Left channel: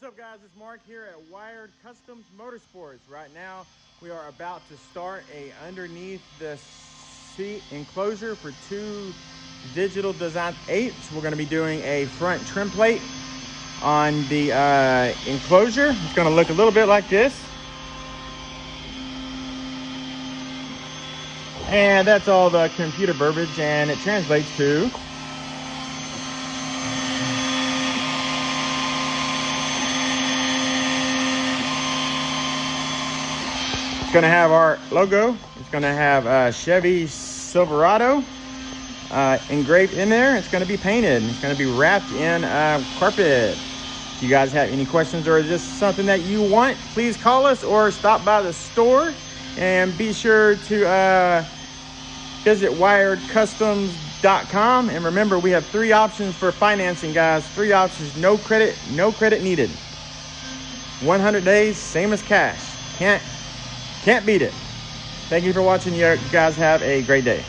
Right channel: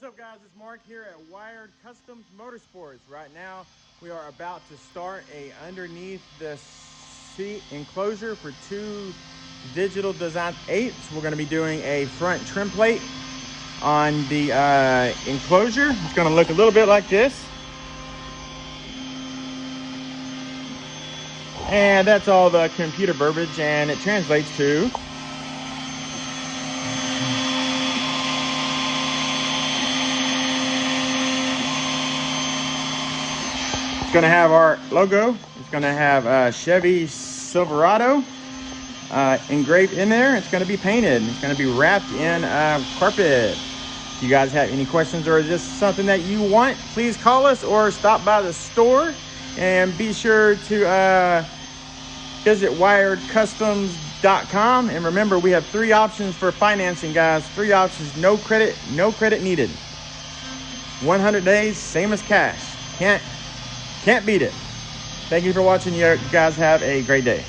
What's up, guys? It's Mark here at Wired Kustoms Motorsports. Right now we are about to start a underneath the seat enclosure for two digital design 8s. We're going to be doing a front trim plate on the enclosure. It's going to look a little bit like this, and that's all the computer verbiage, and it translates to it's going to have our logo. It's going to have Chevy Silverado engraved in there. It's going to be painted. It's going to be wrapped in carpet. If you guys have any questions or is this something that you want, please call us or stop by the store, and be sure to visit wiredcustoms.com. And remember, we have 3 options for financing, guys. 3 options: no credit needed, 100 days, same as cash. Can't beat it. Thank you for watching. You guys have a great day.